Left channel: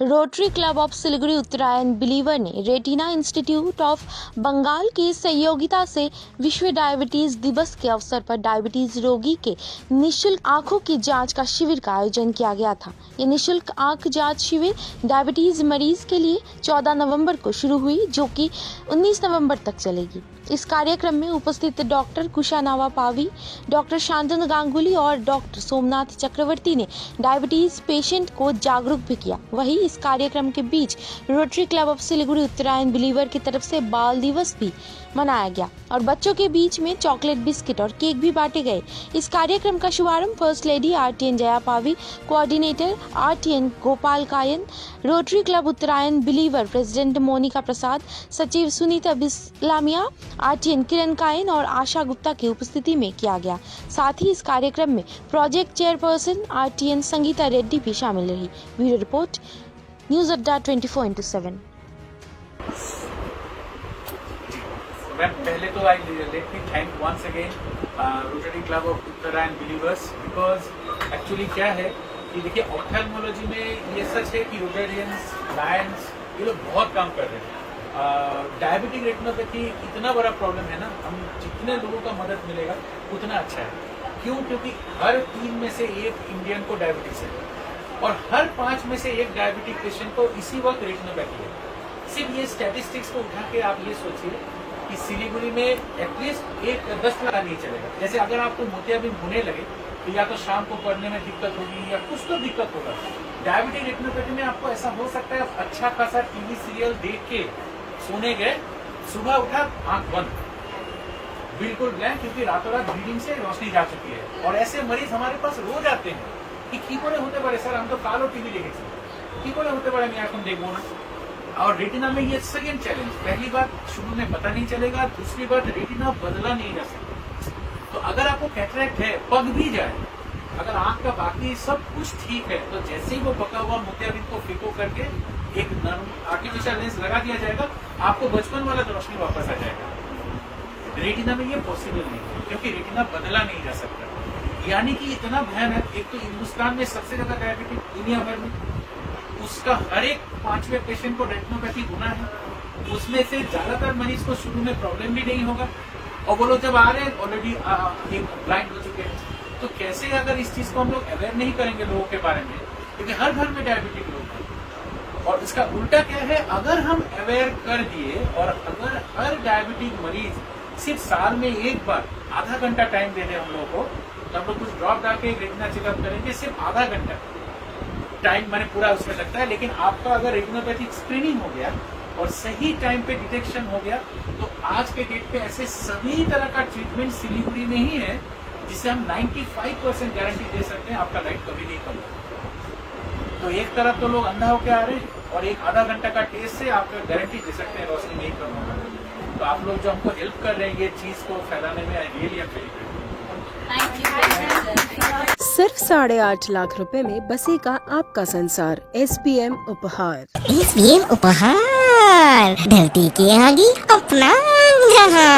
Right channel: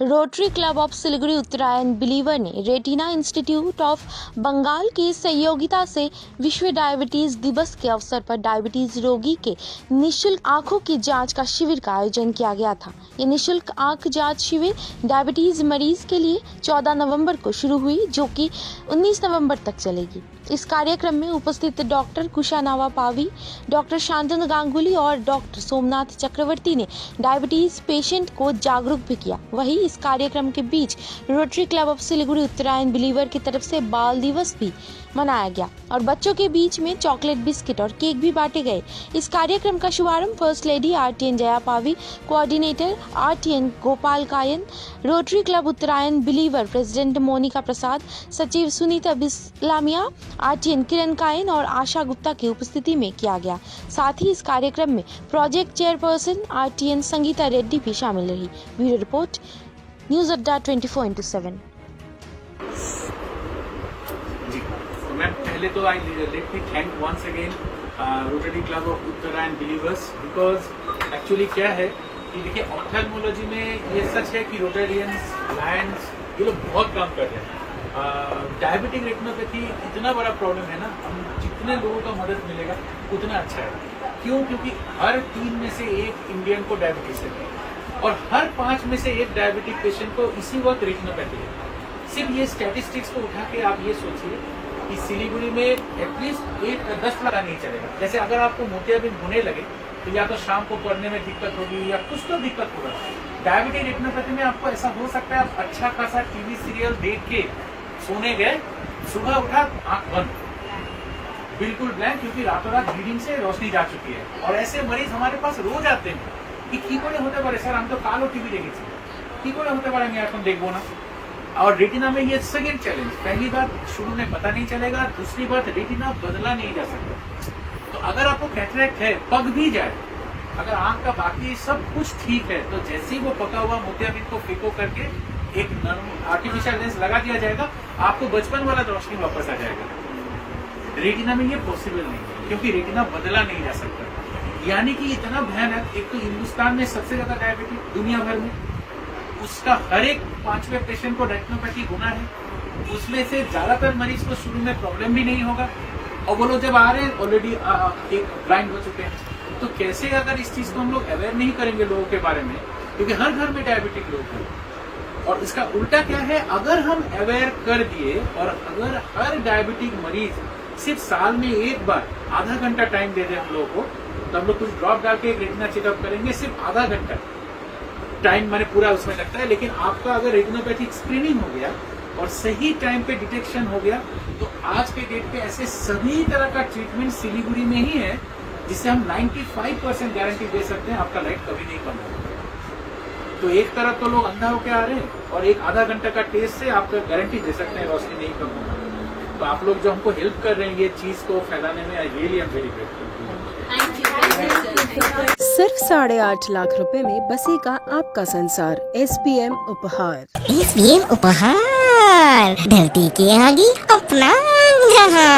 Rotary Club of Siliguri Uttarayan believer ने retina institute of Bengal की सहयोगिता से विश्व डायबिटीज दिवस के अवसर पर डायबिटीज रोगी के निशुल्क आंखों की जांच का शिविर का आयोजन किया गया था। ये निशुल्क आंख जांच शिविर डायबिटीज मरीज के लिए 14 नवंबर को शुरू हुई, जो कि 19 नवंबर तक चलेगी। इस कार्यक्रम में उपस्थित डॉक्टर कुशानावा पावी, डॉक्टर शांतनु गांगुली और डॉक्टर सोमनाथ चक्रवर्ती ने डायबिटीज पेशेंट को जागरूक भी किया। वहीं इस कार्यक्रम के बीच Rotary Club of Siliguri Uttarayan believer की तरफ से बाल दिवस भी मनाया गया और बच्चों के बीच में चॉकलेट, बिस्किट और केक भी बांटे गए। इस कार्यक्रम का शुभारंभ first lady RTN Jaya Pavi, coordinator RTN Gopal Kayan, Rotary Club Uttarayan believer president Monika Prasad, सचिव सुनीता बिस्लामिया, आरटीएन किरण कायन और आशा गुप्ता की उपस्थिति में किया गया। साथ ही इस कार्यक्रम में project chairperson RTN Sangeeta Reddy भी शामिल रही। ब्यूरो रिपोर्ट, न्यूज अड्डा 24/7। मैम, पहले तो I let me thank once again Rotary Club of Uttarayan believers, because actually क्या है कि देखिए ऑप्थेल्मोलॉजी में ये सच है कि रोटेरियंस, लायंस ये लोग बहुत काम कर रहे हैं। डायबिटिक रेटिनोपैथी इतना बड़ा प्रॉब्लम है ना, हम जितने लोगों का मदद मिलेगा उतना अच्छा है। क्यों? क्योंकि हर 3 में से 1 इंडियन को डायबिटीज है और हर 5 में से 1 डायबिटिक पेशेंट को इसी वक्त रेटिनोपैथी है। सिर्फ ये स्टैटिस्टिक्स को उठा के आप ये सोचिए कि सिलीगुड़ी में एटलीस्ट 10 लाख नहीं चलेगा। जैसे अगर आपको मोतियाबिंद होने लगे तो या तो शाम को पढ़ने में दिक्कत होगी या कुछ तो दिक्कत होगा। डायबिटिक रेटिनोपैथी में आपको ऐसा हो सकता है, आप अच्छा खासा टीवी सीरियल देख के सोने गए, सुबह उठा आंख बंद, बिल्कुल ब्लैंक, क्योंकि रातों रात ब्लीडिंग से रोशनी जा चुकी है। और ऐसे मरीज हमारे पास रोज आते हैं कि की करे होते पारे सर, हम तो कालो टीवी देखे की करे होते पारे मैं तुम देखो ना। और रेटिना में ये सेकेंड चैलेंज, पहली बात शुरू में पता नहीं चलेगा, दूसरी बात रेटिना बदला नहीं जा सकता। तो अगर आपको कैटरेक्ट है, पक भी जाए, अगर आंख का बाकी सब कुछ ठीक है, तो जैसे ही वो पका हुआ मोतियाबिंद को फिको करके एक नर्म आर्टिफिशियल लेंस लगा दिया जाएगा, आपको बचपन वाला रोशनी वापस आ जाएगा। रेटिना में ये पॉसिबल नहीं है, क्योंकि रेटिना बदला नहीं जा सकता। यानी कि इतना भयानक, एक तो हिंदुस्तान में सबसे ज्यादा डायबिटिक दुनिया भर में, उसका हर एक 5वें पेशेंट को रेटिनोपैथी होना है। उसमें से ज्यादातर मरीज को शुरू में प्रॉब्लम भी नहीं होगा और वो लोग जब आ रहे हैं ऑलरेडी एक ब्लाइंड हो चुके हैं। तो कैसे अगर इस चीज को हम लोग अवेयर नहीं करेंगे लोगों के बारे में, क्योंकि हर घर में डायबिटिक लोग हैं। और इसका उल्टा क्या है, अगर हम अवेयर कर दिए और अगर हर डायबिटिक मरीज सिर्फ साल में एक बार आधा घंटा टाइम दे दे हम लोगों को, तो हम लोग कुछ ड्रॉप डाल के रेटिना चेकअप करेंगे। सिर्फ आधा घंटा टाइम मैंने पूरा उसमें लगता है, लेकिन आपका अगर रेटिनोपैथिक स्क्रीनिंग हो गया और सही टाइम पे डिटेक्शन हो गया, तो आज के डेट पे ऐसे सभी तरह का ट्रीटमेंट सिलीगुड़ी में ही है, जिससे हम 95% गारंटी दे सकते हैं आपका लाइट कभी नहीं कम होगा। तो एक तरफ तो लोग अंधा होके आ रहे हैं और एक आधा घंटा का टेस्ट से आपका गारंटी दे सकते हैं रोशनी नहीं कम होगा। तो आप लोग जो हमको हेल्प कर रहे हैं ये चीज को फैलाने में, really I am very grateful. सिर्फ 8.5 लाख रुपए में बसेगा आपका संसार। SPM उपहार। SPM उपहार, धरती के आगे अपना जहां।